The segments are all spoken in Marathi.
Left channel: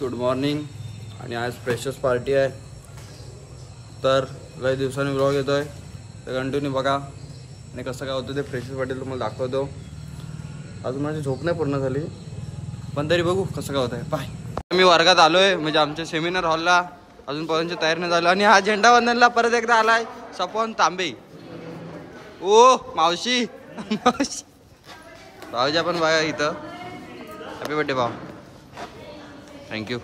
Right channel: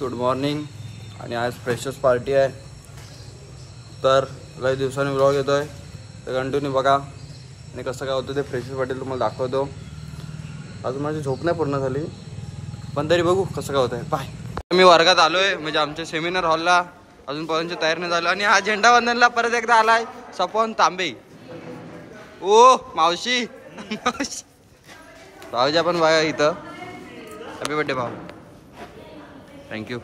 Good morning. आणि आज फ्रेशर्स पार्टी आहे, तर काही दिवसांनी व्लॉग येतोय, तर कंटिन्यू बघा. आणि कसं काय होतं ते फ्रेशर्स पार्टीला तुम्हाला दाखवतो. अजून माझी झोप नाही पूर्ण झाली, पण तरी बघू कसं काय होतं आहे. बाय. मी वर्गात आलोय, म्हणजे आमच्या सेमिनार हॉलला अजूनपर्यंत तयार नाही झालं. आणि हा झेंडावंदनला परत एकदा आलाय सपन तांबे. ओ मावशी मावशी भाऊजी पण बघा इथं. हॅपी बर्थडे भाऊ. थँक्यू.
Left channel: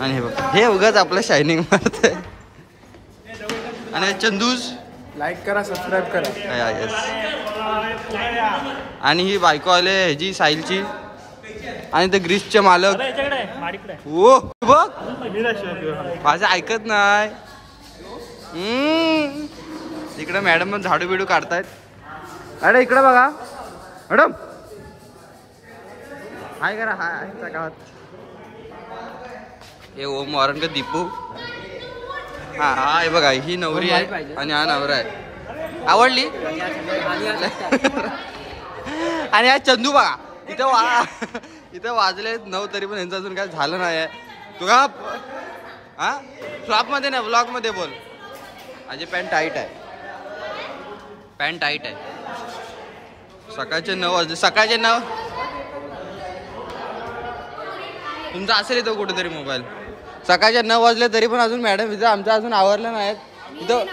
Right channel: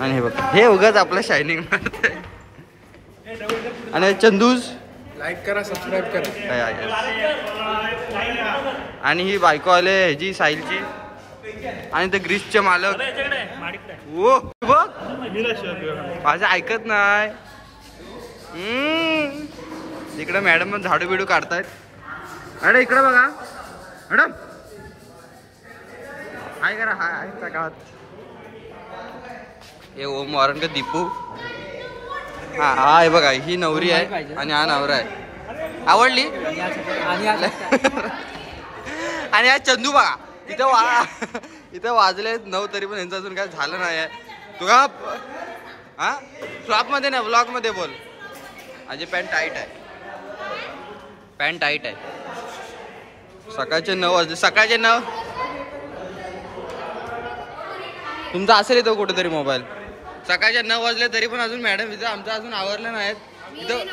आणि हे बघ, हे उगाच आपलं शायनिंग मारतंय. आणि चंदूज लाईक करा, सबस्क्राईब करा. येस. आणि ही बायको आले ह्याची साहिलची, आणि ते ग्रीसचे मालक. ओ बघ माझं ऐकत नाही. इकडे मॅडम पण झाडू बिडू काढतायत. अरे इकडे बघा मॅडम, हाय करा. हाय त्या गावात हे ओम वारण का दीपू. हा हा हे बघा, ही नवरी आहे आणि हा नवरा आहे. आवडली. आणि हा चंदू बघा इथं वाजले 9 तरी पण यांचं अजून काय झालं नाही आहे. तुला हा फ्लॉप मध्ये नाही, ब्लॉग मध्ये बोल. माझी पॅन्ट टाईट आहे, पॅन्ट टाईट आहे. सकाळचे 9 वाजले. सकाळचे 9 तुमचा असेल तो कुठेतरी मोबाईल. सकाळच्या 9 वाजले तरी पण अजून मॅडम इथं आमचं अजून आवरलं नाहीत. इथं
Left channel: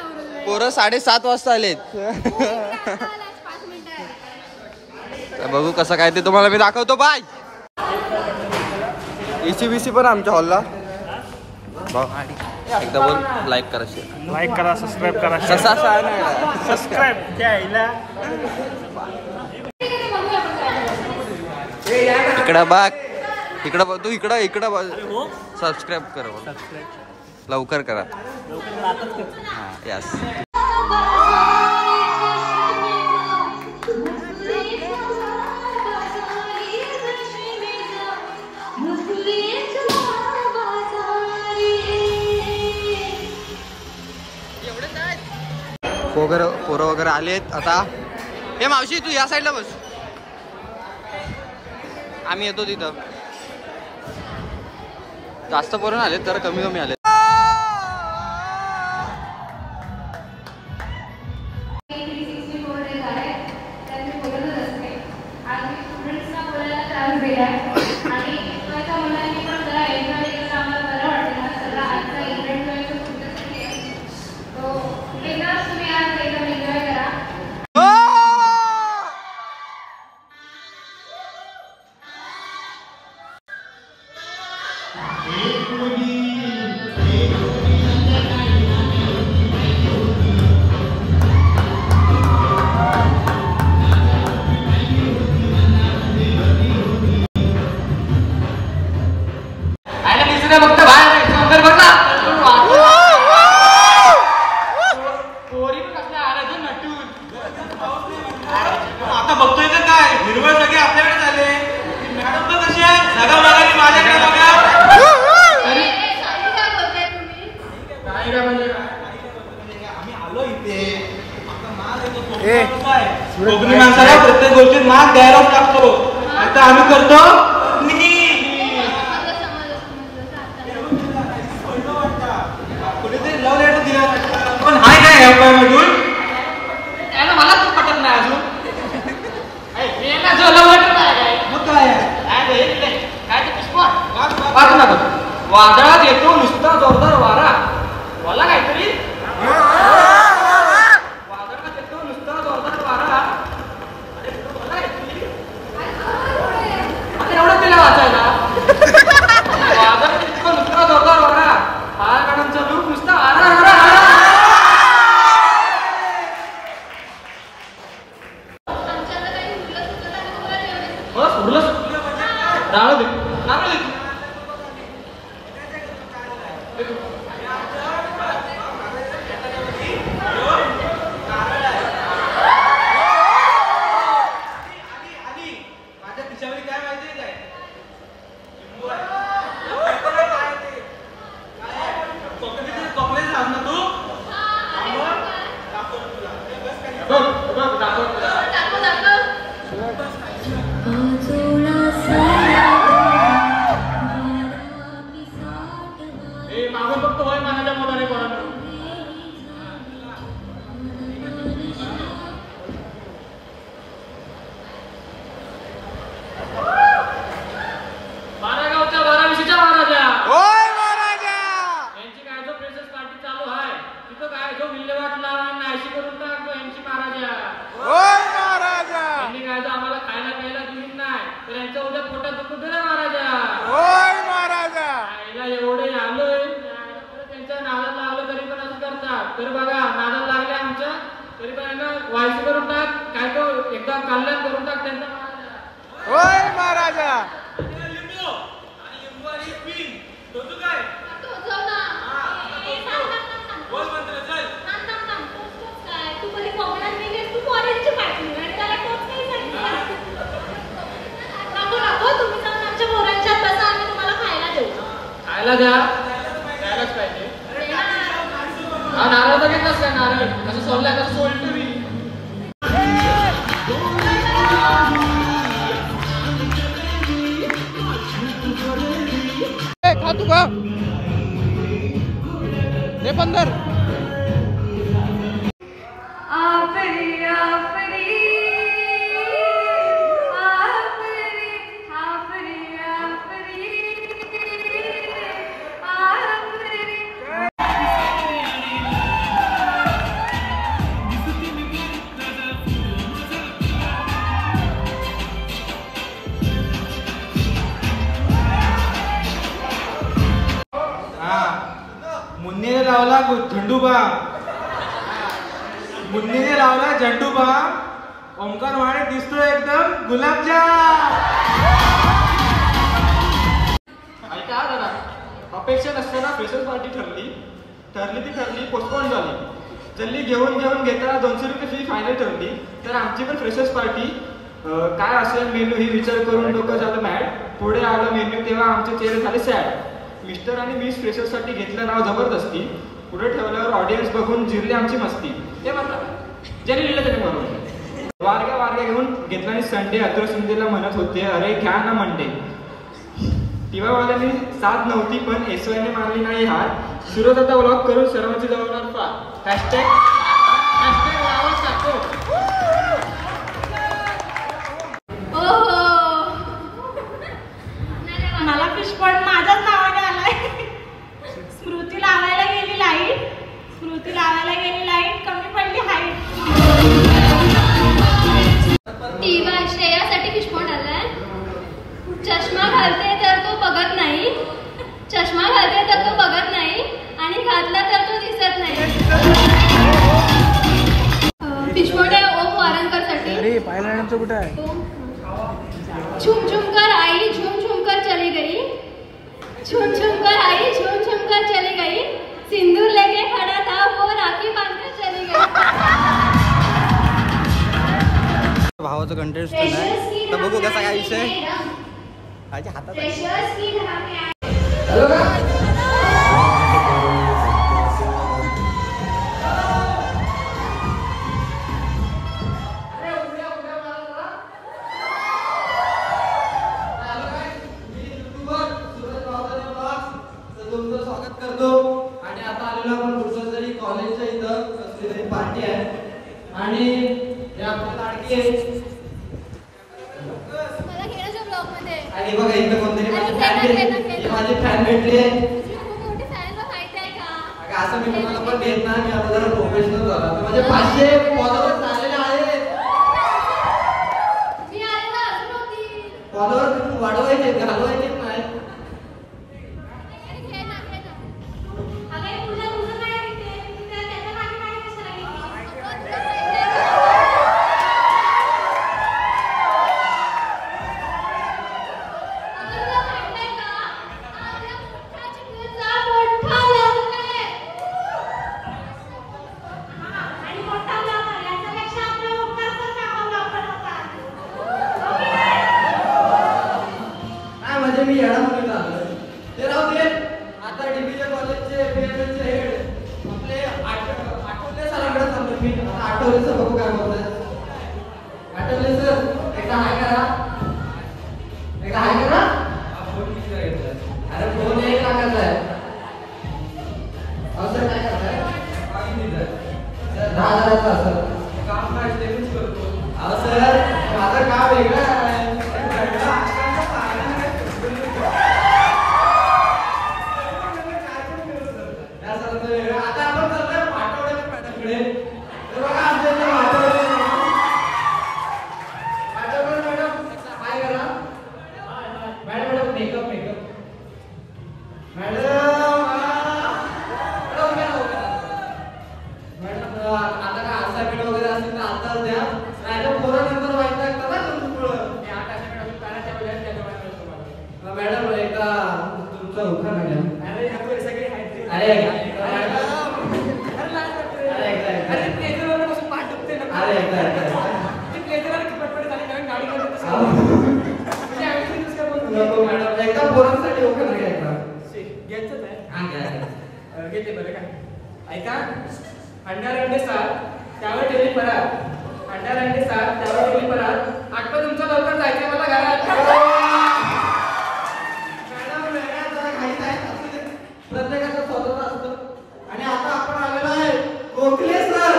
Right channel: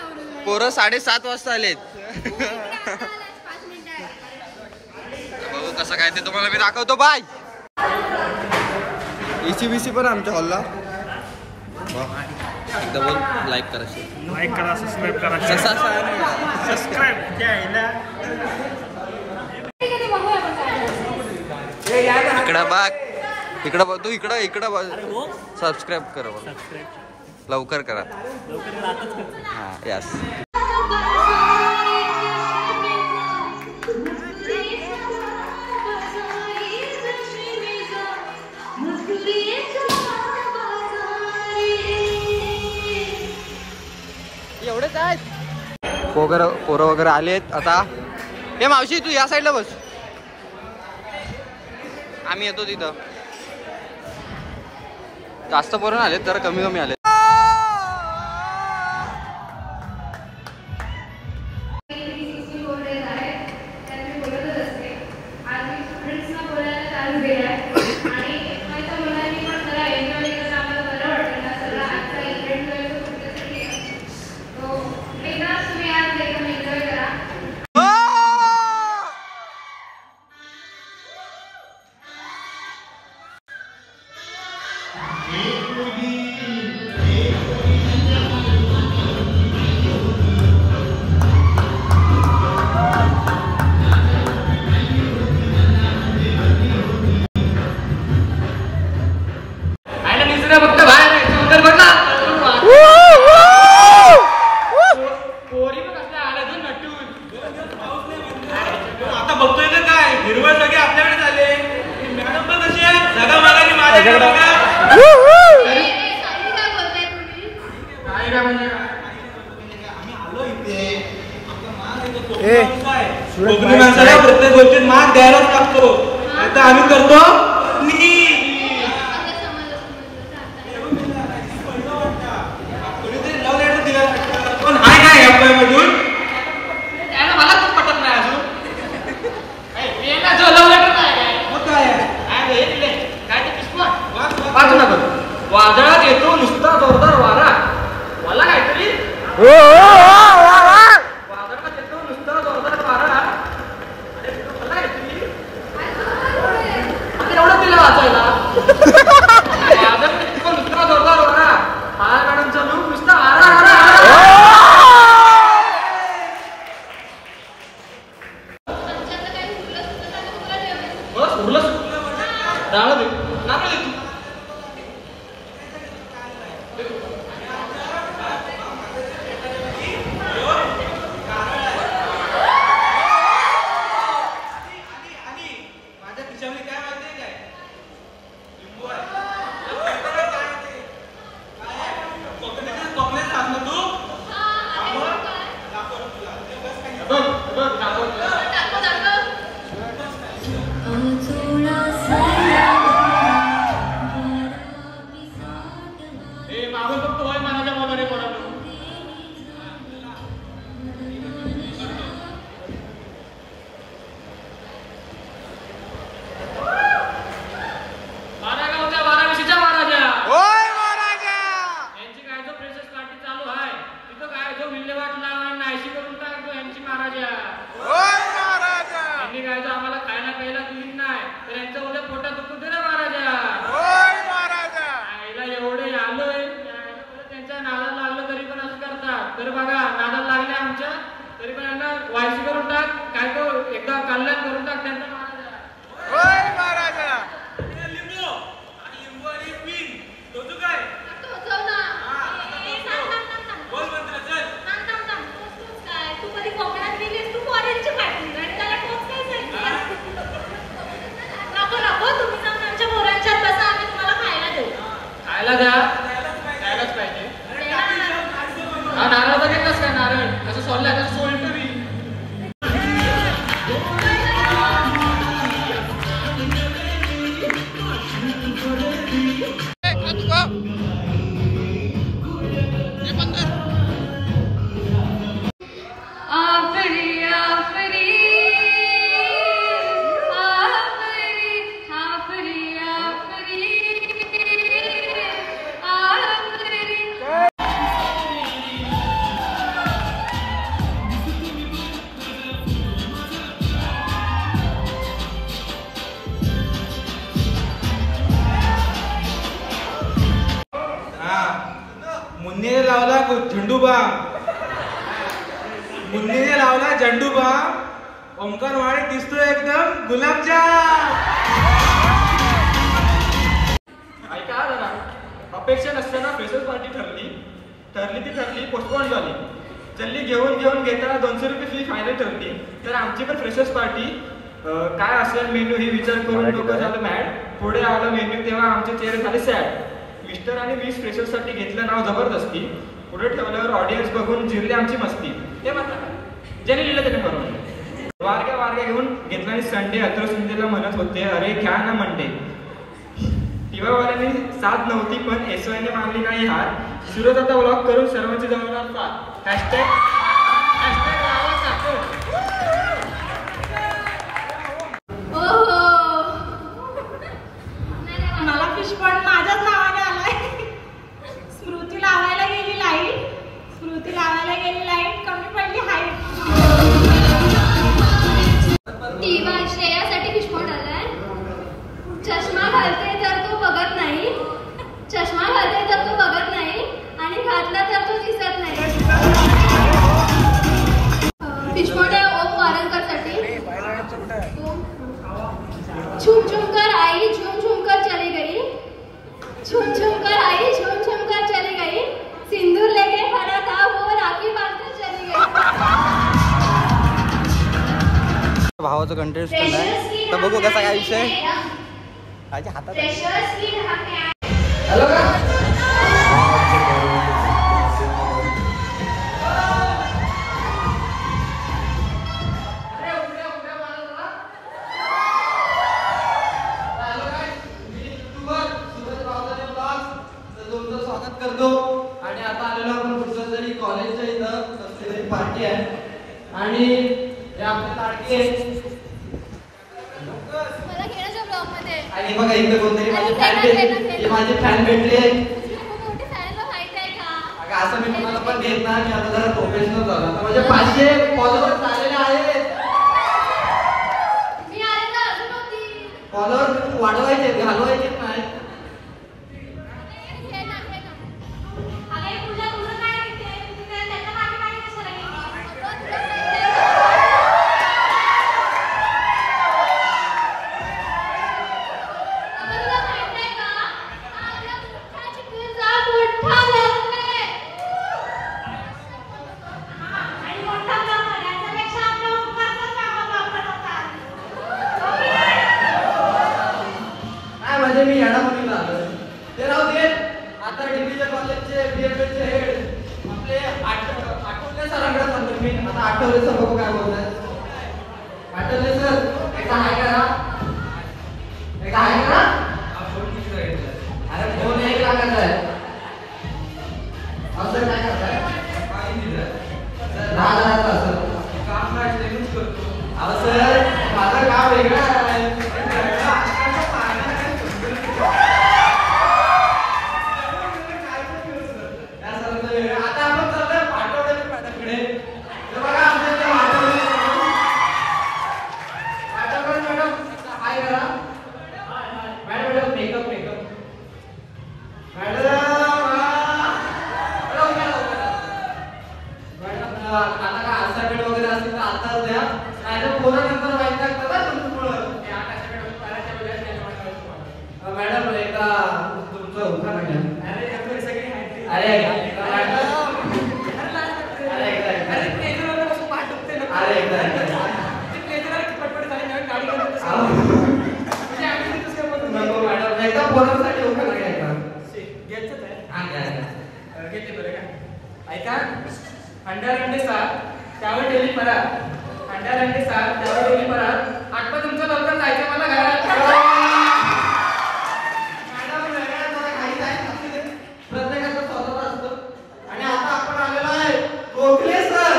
पोरं 7:30 वाजता आलेत. बघू कसं काय ते तुम्हाला मी दाखवतो. बाय. एसी बीसी पण आमच्या हॉलला. एकदा बोल, लाईक करा, लाईक करा, सबस्क्राईब करा. सबस्क्राईब इकडं बघ, इकडं बघ, तू इकडं बघ. सबस्क्राईब करा, लवकर करा. हा यस. पोरं वगैरे आलेत आता. हे मावशी तू या साईडला बस, आम्ही येतो तिथं. जास्त पोरं आलेत, जरा कमी कमी आलेत. प्रत्येक गोष्टीत मार्क द्यायलाच लागतो. आता आम्ही करतो. पण हाय काय यामधून मला तू पटत नाही अजून. वादळात येतो नुसता जोरदार वारा. मला काहीतरी तर बघा नादाला लागले आमच्या तरी पण वाळशी करून टाक काय तो एकदा कल्याण करून टाक त्यांच्या महाराजा खायला द्या द्यायलाच पाहिजे नारळ तर घेतलाच का नारळ असं सोडल्या कसं सोडली तुम्ही खातो का हे बंदर मुन्नीने लावला झेंडूबा मुन्नीने लावला झेंडूबा ओमकार वाणे दिसतो एकदम गुलाबजाम ऐका दादा अपेक्षा नसताना फ्रेशर्स पार्टी ठरली पोस्टपोन झाली जल्ली घेऊन घेताना 200 रुपये फी फायनल ठरली तर आमची पण फ्रेशर्स पार्टी काय असेल मेनू हे विचार करून डोकं झालं मॅड पुढे आलं मेनू तेव्हा आमचे चेहरे झाले सॅड मिस्टर आणि मिस फ्रेशर्ससाठी घेतलं नाव जबरदस्ती पुढे ठेवल्यावर ऑडियन्स बघून जिरली आमची मस्ती ते म्हणतात ज्याने लिहिलं तरी बरोबर वारगा घेऊन घेतला आणि संडे अत्रसुंदीला म्हणत होते अरे घ्या ना मंडे टीव्हीवाल्यांनी साथ नव्हती पण एसवायने मानली नाही हार सुरत आता व्लॉग करून सर्वांची जमणार फार हॅशटॅग मला फिशपॉट माझ्याच नावाने आलाय स्मृती लावायला गेली लाईट कमी पडली हाईट टीव्ही श्रेयासाठी फिशपॉट आलाय चष्मा घालते तर तो बघत नाही आणि घातला तर तो दिसत नाही फिशपॉट आहे ओम वारंकरसाठी झूम झूम कर आई झूम झूम कर चली गई सिंदूर लेके खड़ा था वो राखी बांधकर चली गई भावाचं कंटेस्ट आहे तर बघू कसा काय विषय हातात आहे स्वागत करतो आणि आता आलेलो आपण कुठल्या तरी कॉलेजच्या इथं कसली तरी पार्टी आहे आणि हे आपले लाडके आणि बघा इथं कोणतरी माझी फॅन भेटली आहे असं मी कोणाला पण घेत नाही की आता जरा प्रोफेशनल झाला म्हणजे 500 फॉलोअर्स आलेले आहेत फॉलोअर्स वाढवायचे घालवायचे नाही मोठा आता डिव्हिजन कॉलेजचे बीएमएचे हेड आपले आठवले सरांकडे चाललो मी. आता आठवले सर बघू काय बोलतात. आठवले सर एकदा हाय करा. एकदा हाय करा. अरे फोन एक लाखाचा आहे. असं काय करताय? काय दिलं? 10,000चा सर. काम काय सेविंग्स करतो. अहो सर माझं काम वेगळं आहे. ऐका अंडे सात त्यावर डेली परत अंडे सात त्यावर डेली परत आठवण तुमचं लवकर जायचं मला घरात. प्रत्येकाचा स्वतःचा असतो आणि आता आपण आलेलो आहे गोखले सर.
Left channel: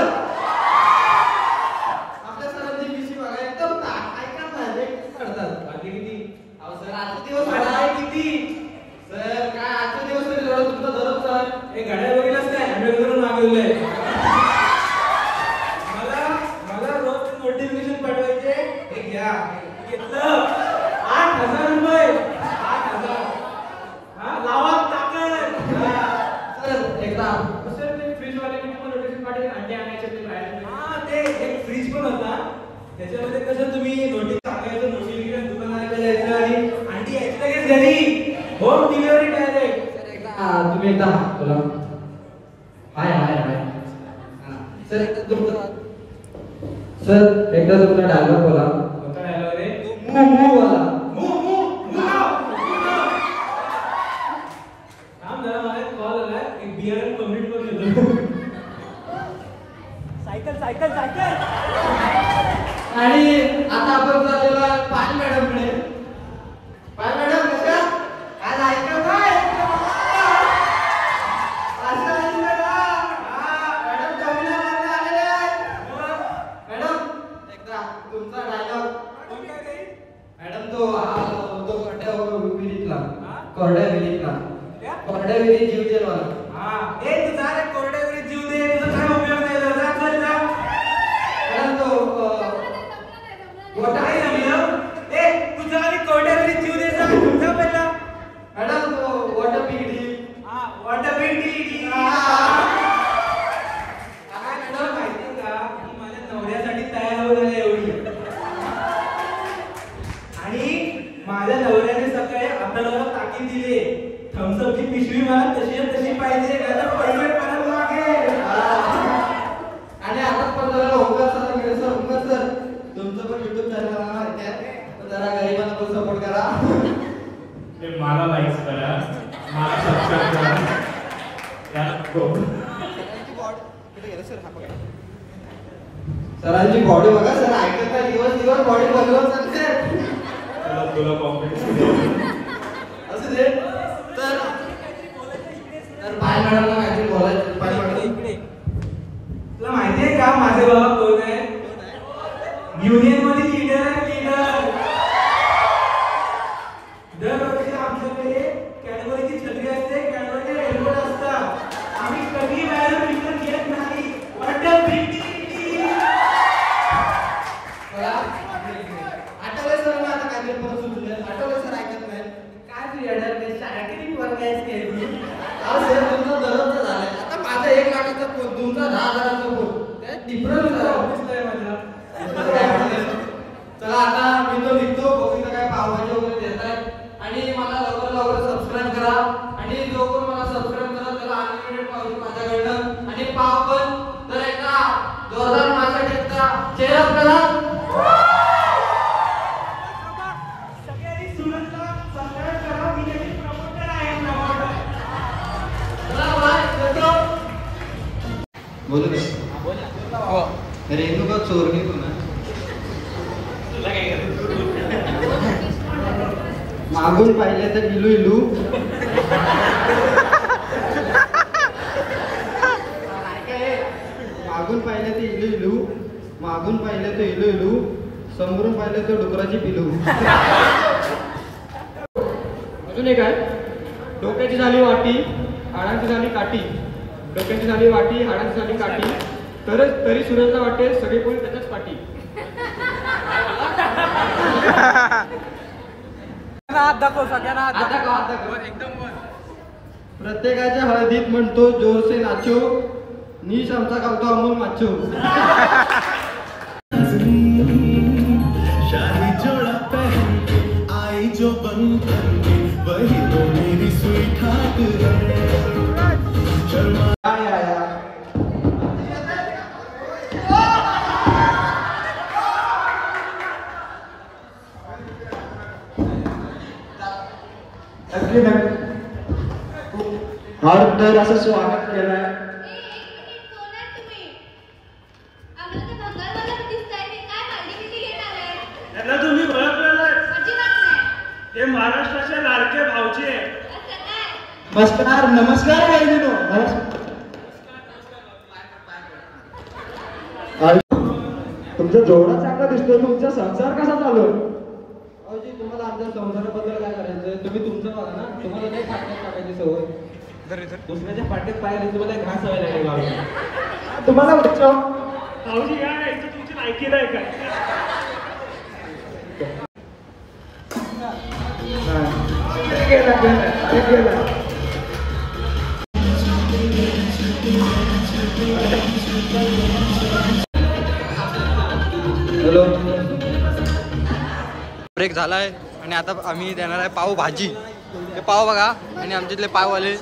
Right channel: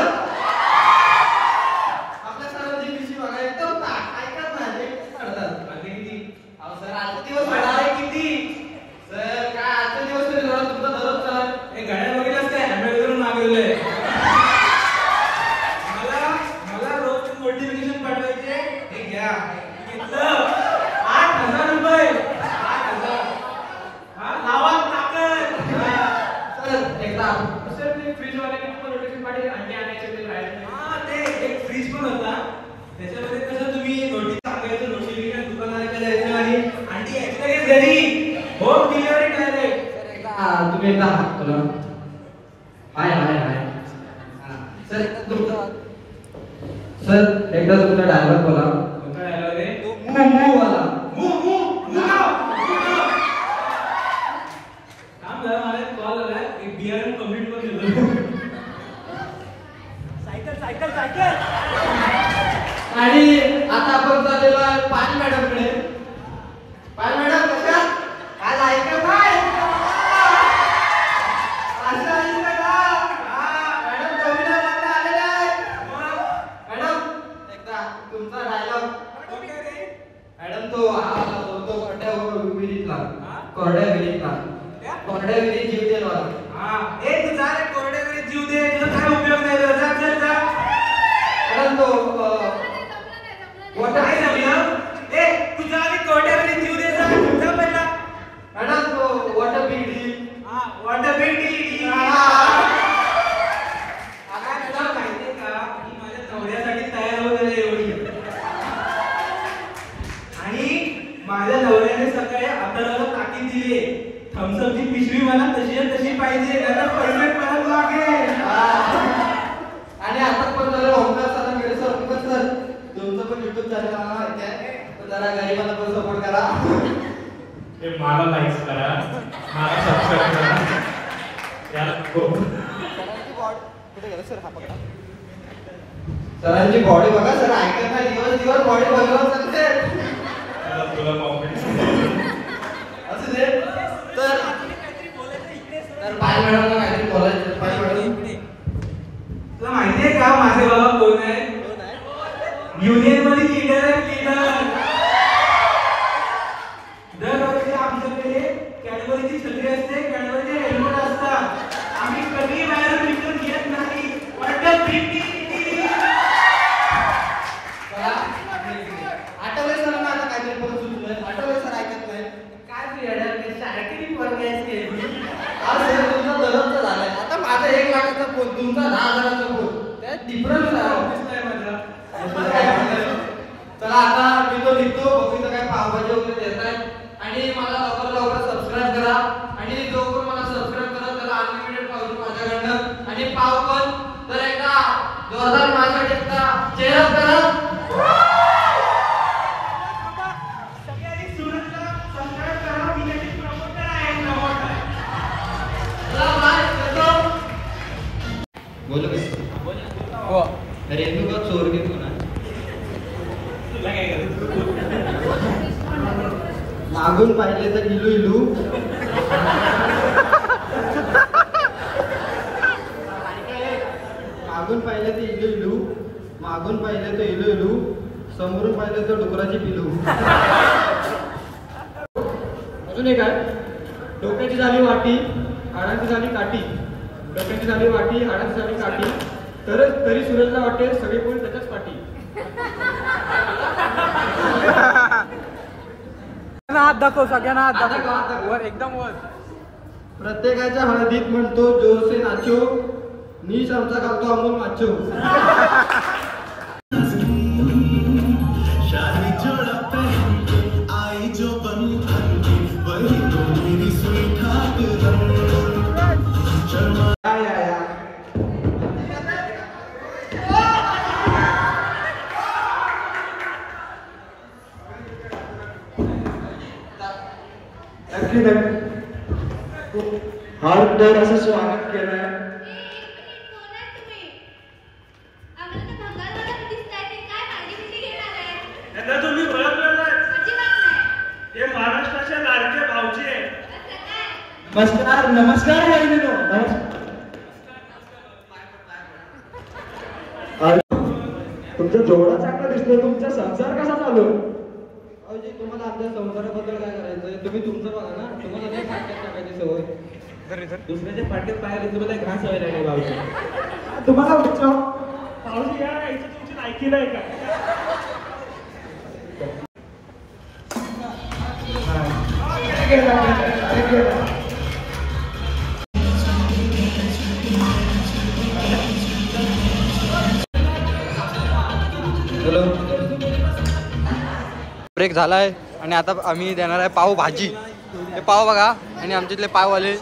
आपल्या सरांची पिशी बघा एकदम ऐकत नाही पडतात किती. अहो सर आजचा दिवस आहे किती सर काय आजचा दिवस तरी थोडा तुमचा धरत सर. हे घड्याळ बघितलंच काय अमेरिकेतून मागवलंय. मला रोज नोटिफिकेशन पाठवायचे. हे घ्या घेतलं 8,000 रुपये. 8,000 हा लावा टाकत. सर एकदा सर ते फ्रीज वाल्याने पण नोटिफिकेशन पाठवले अंडे आणायचे ते बाहेर. हा ते एक फ्रीज पण होता त्याच्यामध्ये कसं तुम्ही नोटीस टाकायचं नोटिफिकेशन दुकानाकडे जायचं आणि अंडी यायची लगेच घरी होम डिलिव्हरी डायरेक्ट. सर एकदा तुम्ही एकदा तुला हाय हाय हाय सर एकदा तुमचा सर एकदा तुमचा डायलॉग बोला. कोणता डायलॉग रे? मू वाला. काम जरा मला कॉल आला एक बियर कम्प्लीट कर. सायकल आणि आता आपण चाललेलो आहे पान मॅडमकडे. पान मॅडम कशा आज ऐका काय तुमचा डायलॉग मॅडम तो कोरड्या विहिरीत जीव देईल मला. कोरड्या विहिरीत जीव दे तुला काय उपयोग नाही मॅडम तो मोठा आहे जमलं. तुझा कोरड्या विहिरीत जीव द्यायचा तुमचा पहिला. मॅडम तो वॉटर पिंडी. वॉटर पिंडी. आता मॅडम माहितीये का मी माझ्या नवऱ्यासाठी तयार वगैरे एवढी आणि माझ्या नवऱ्याने सकाळी आपल्याला ताकीद दिली थम्सअपची पिशवी मला तशी पाहिजे पैसे परत लागेल. आणि आता पण जरा होमगार्ड सर तुमचं पण युट्यूब चॅनल आहे जरा गरिबांना पण सपोर्ट करा. मला लाईक करा मला सबस्क्राईब करा. कुठे गेला सर? हा पकडा. सरांची बॉडी बघा सर ऐकत नाही दिवस बॉडी बघत चालते. तुला कॉम्पिटिशन असं दे तर पाय मॅडमला काहीतरी बोलायचं. पाय मॅडम तुला माहितीये का माझे बाबा कोण आहे? युनियन मध्ये लीडर आहे. दरवर्षी आमच्याकडे कॅडबरीची छत्री असते कॅडबरीचे रेनकोट असतात. आम्ही कधी बाहेर विकत घेत नाही. आठवले सर मला काहीतरी पण सुचलं. आठवले सर ऐकत नाही काय किती तुमचा दररोजचा झालाय. आता माझा 1 लाखाचा फोन तुमचा 10,000चा फोन डिफरन्स आहे माझा. चला आता मी तो निघतो. बघू काय पावभाजी वगैरे देत आहेत आणि मला लवकर सबस्क्राईब करा आणि जो कोण मला सबस्क्राईब करा त्याला अनलिमिटेड पावभाजी माझ्याकडनं आणि पाव पण जर एकदा जोरदार माझ्यासाठी एकदा चेअर अप करा. सगळ्यांनी सुनंदा सबस्क्राईब करा. मी प्रमोटर आहे. बोलू दे. रेणुका चोरली मागून पाहिले तर इलू इलू मागून पाहिले तर इलू इलू मागून पाहिले तर इलू इलू समोरून पाहिले तर डुकराची पिलू. अजून एक आहे. डोक्याची झाली वाटी हाडांची झाली काठी डोक्याची झाली वाटी हाडांची झाली काठी तरी सूर्याला वाटे सगळे कोणी त्याच्याच पाठी. हात दाखव सगळ्यांना हात दाखव एकदम प्रत्येकाच्या हळदीत म्हणतो जोरसे नाचो नीश आमचा घालतो अमोल माचो. तर असं स्वागत केलंय. त्यांना तुम्ही ओळखलं नाही. ते महाराष्ट्राचे लाडके भाऊजी आहे. नमस्कार नमस्कार बहिणीनो. तुमचा जोडा चांगला दिसतो. तुमचा संसार कसा चालू आहे? तुम्हाला आमच्या संसाराबद्दल काय करायचं तुम्ही तुमचं बघा ना. तुम्हाला काही फाटक्यात टाकायची सवय दुसऱ्याच्या फाटक्यात पाहिजे तुम्हाला घास यायला लागली. तुम्हाला भाऊजी या यायचं तुमची लायकी नाही का? ब्रेक झालाय आणि आता आम्ही देणार आहे पाव भाजी. ते पाव बघा आणि आमच्यातले पाववाले.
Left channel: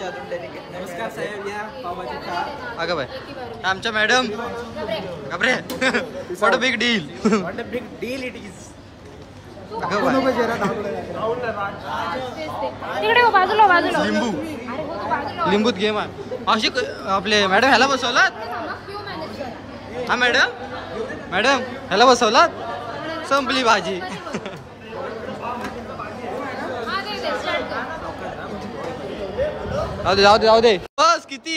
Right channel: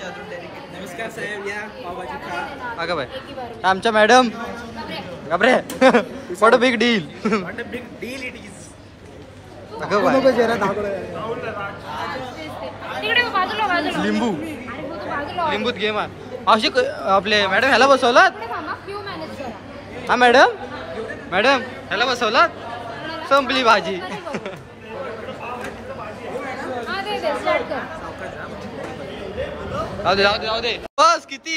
नमस्कार साहेब या पावभाजी खा. अगं बाय आमच्या मॅडम घाबरे. What a big deal. अगं बाय लिंबू लिंबूत गेम आहे अशी आपले मॅडम ह्याला बसवलात. हा मॅडम मॅडम ह्याला बसवलात. संपली भाजी. जाऊ दे बस किती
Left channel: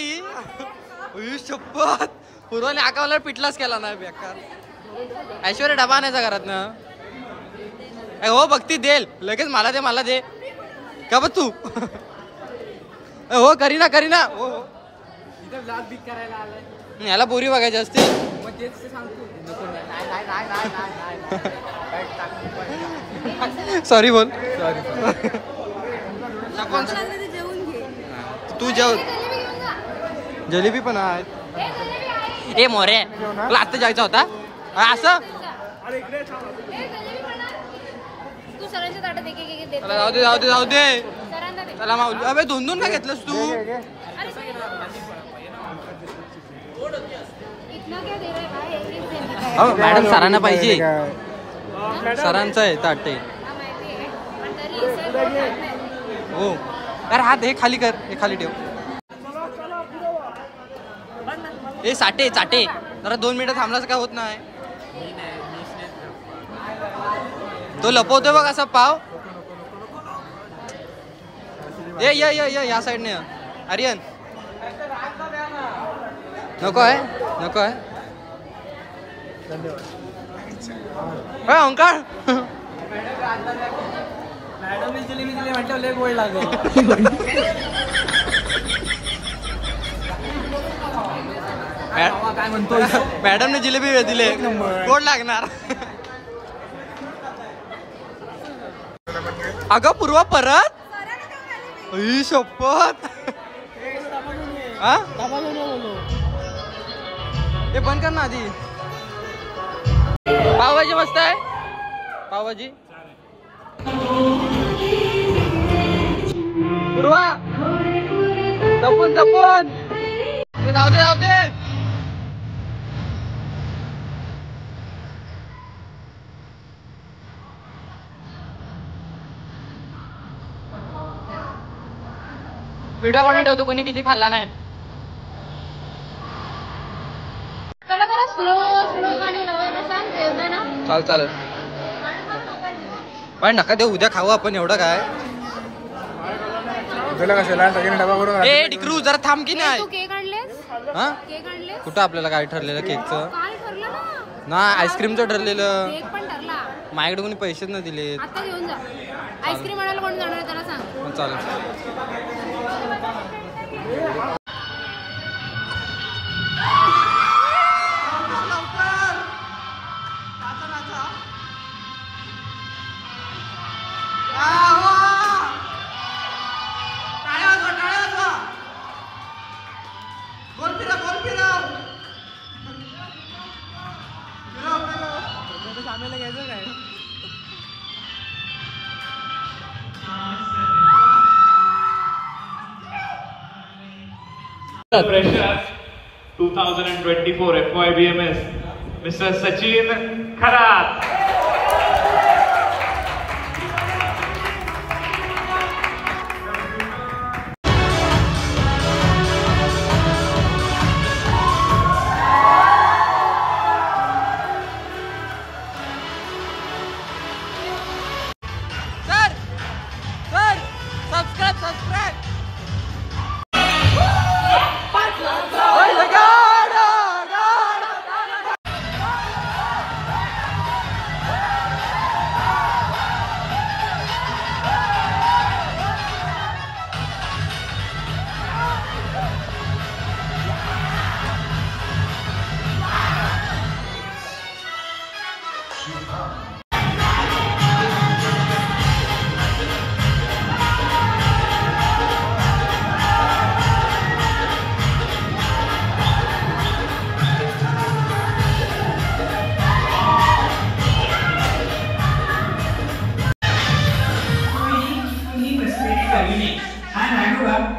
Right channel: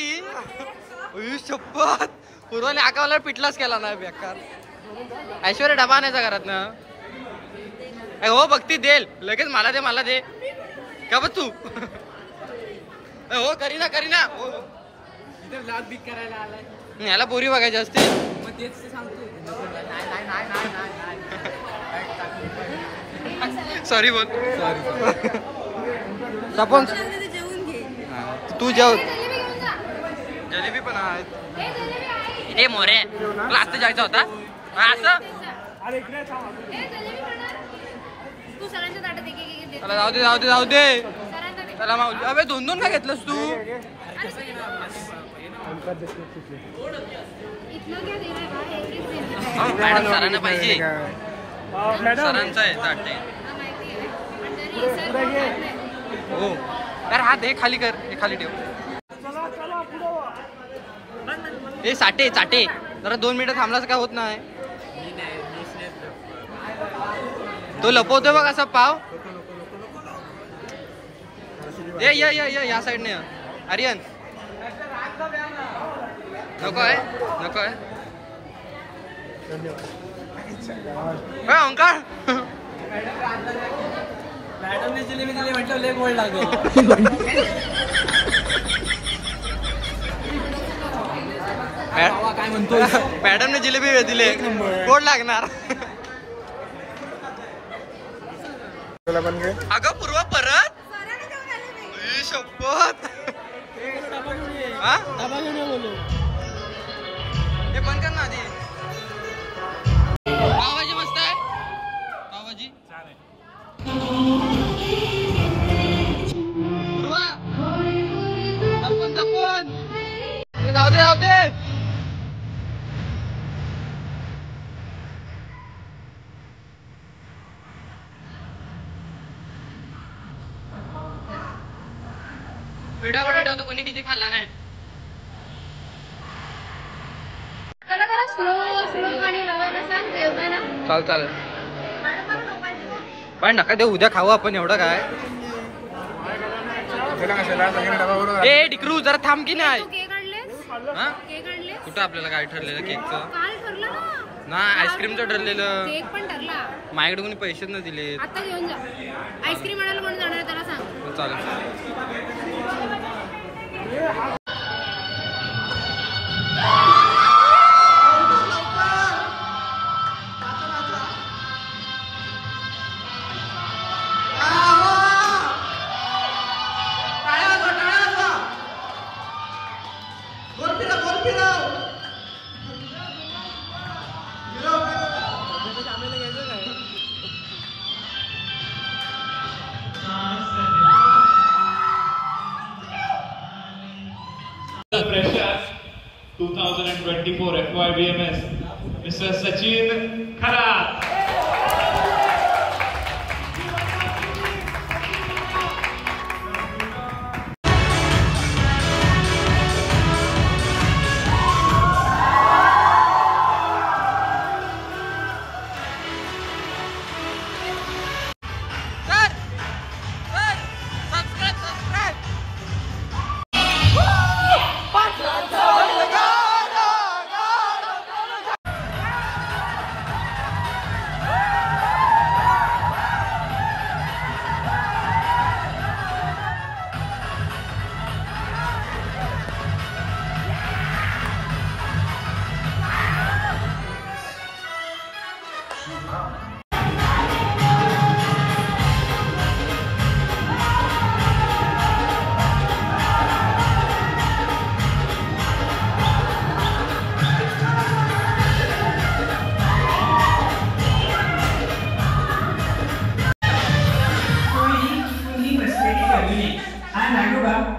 शपथ. पूर्वाने आकावाला पिठलाच केला नाही बेकार. ऐश्वर्या डबा आणायचा घरात ना. हो बघती देल लगेच मला दे का बघ तू. हो करीना हो इथं ब्लॉग बिग करायला आलाय. याला पोरी बघायची असते. मग तेच ते सांगतो. सॉरी बोल. आपण तू जेव. जलेबी पण आहेत. ए मोरे तुला आता जायचा होता असं. जाऊ दे त्याला माऊली. अबे दोन का घेतलंस तू. मॅडम सरांना पाहिजे. सरांचं आहे ताटे. हो यार हात हे खाली कर. हे खाली ठेव. हे चाटे जरा 2 मिनिटं थांबलाच काय होत नाही. तो लपवतोय बघ असा पाव. ये या साईडने आर्यन. नको आहे ओंकार. मॅडमने जिलेबी दिली म्हटलं लय गोड लागेल. काय म्हणतो मॅडमने जिलेबी दिले गोड लागणार. अगं पूर्वा परत शपथ. ते बंद कर ना आधी. पावभाजी मस्त आहे. पावभाजी पूर्वा जपून जाऊ दे. व्हिडिओ काढून ठेवतो कोणी किती खाल्ला नाही. स्लो गाणी लावायला सांग येऊ ना. चालेल पण नका देऊ, उद्या खाऊ आपण. एवढं काय ए डिक्रू जरा थांब की नाही. केक आणलेस? हा केक आणलेस? कुठं आपल्याला काय ठरलेलं केकचं? काल ठरलं ना. ना आईस्क्रीमचं ठरलेलं. केक पण ठरला. माझ्याकडे कोणी पैसेच नाही दिले. आता घेऊन जा. आईस्क्रीम आणायला कोण जाणार त्याला सांग. चालेल. Freshers 2024 FYBMS Mr. Sachin Kharat.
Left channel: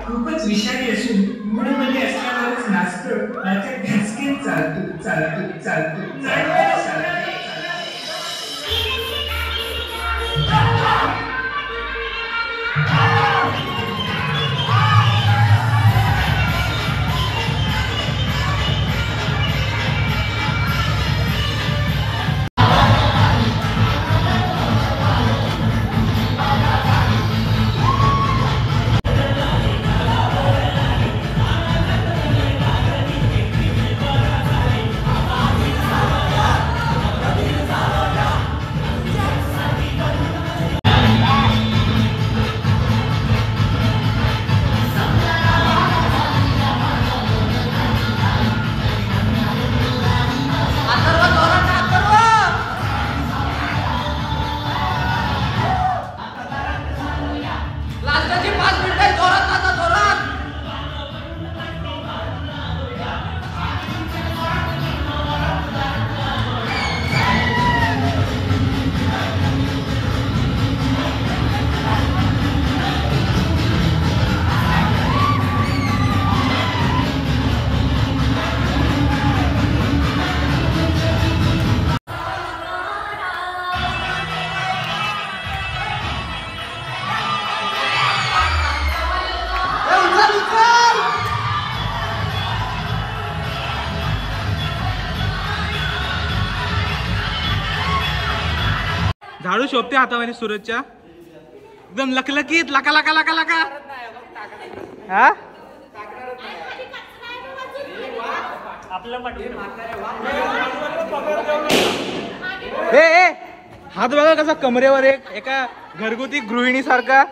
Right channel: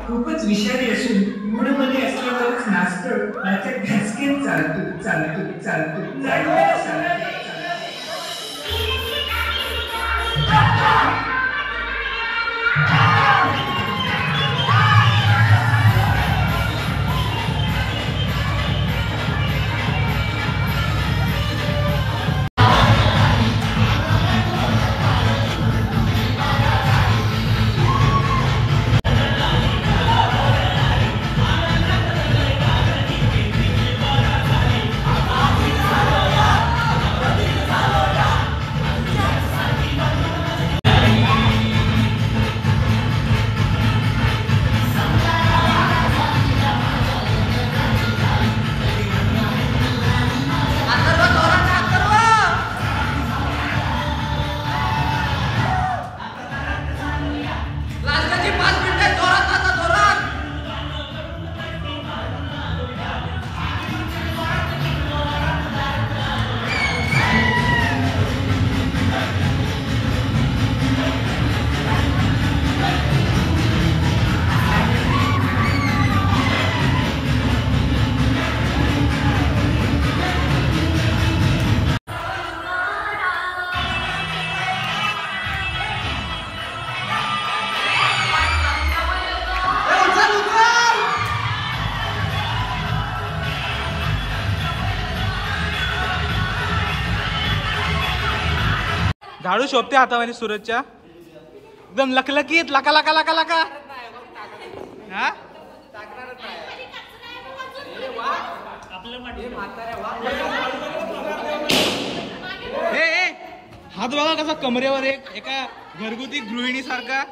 खूपच विषारी असून मूडमध्ये असल्यावरच नाचतो, नाचत घसकेत चालतो चालतो चालतो चालतो. झाडू शोभते हातामध्ये सूरजच्या एकदम लकलकीत लका लका लका लका. हा हात बघा कसा कमरेवर एका घरगुती गृहिणी सारखा.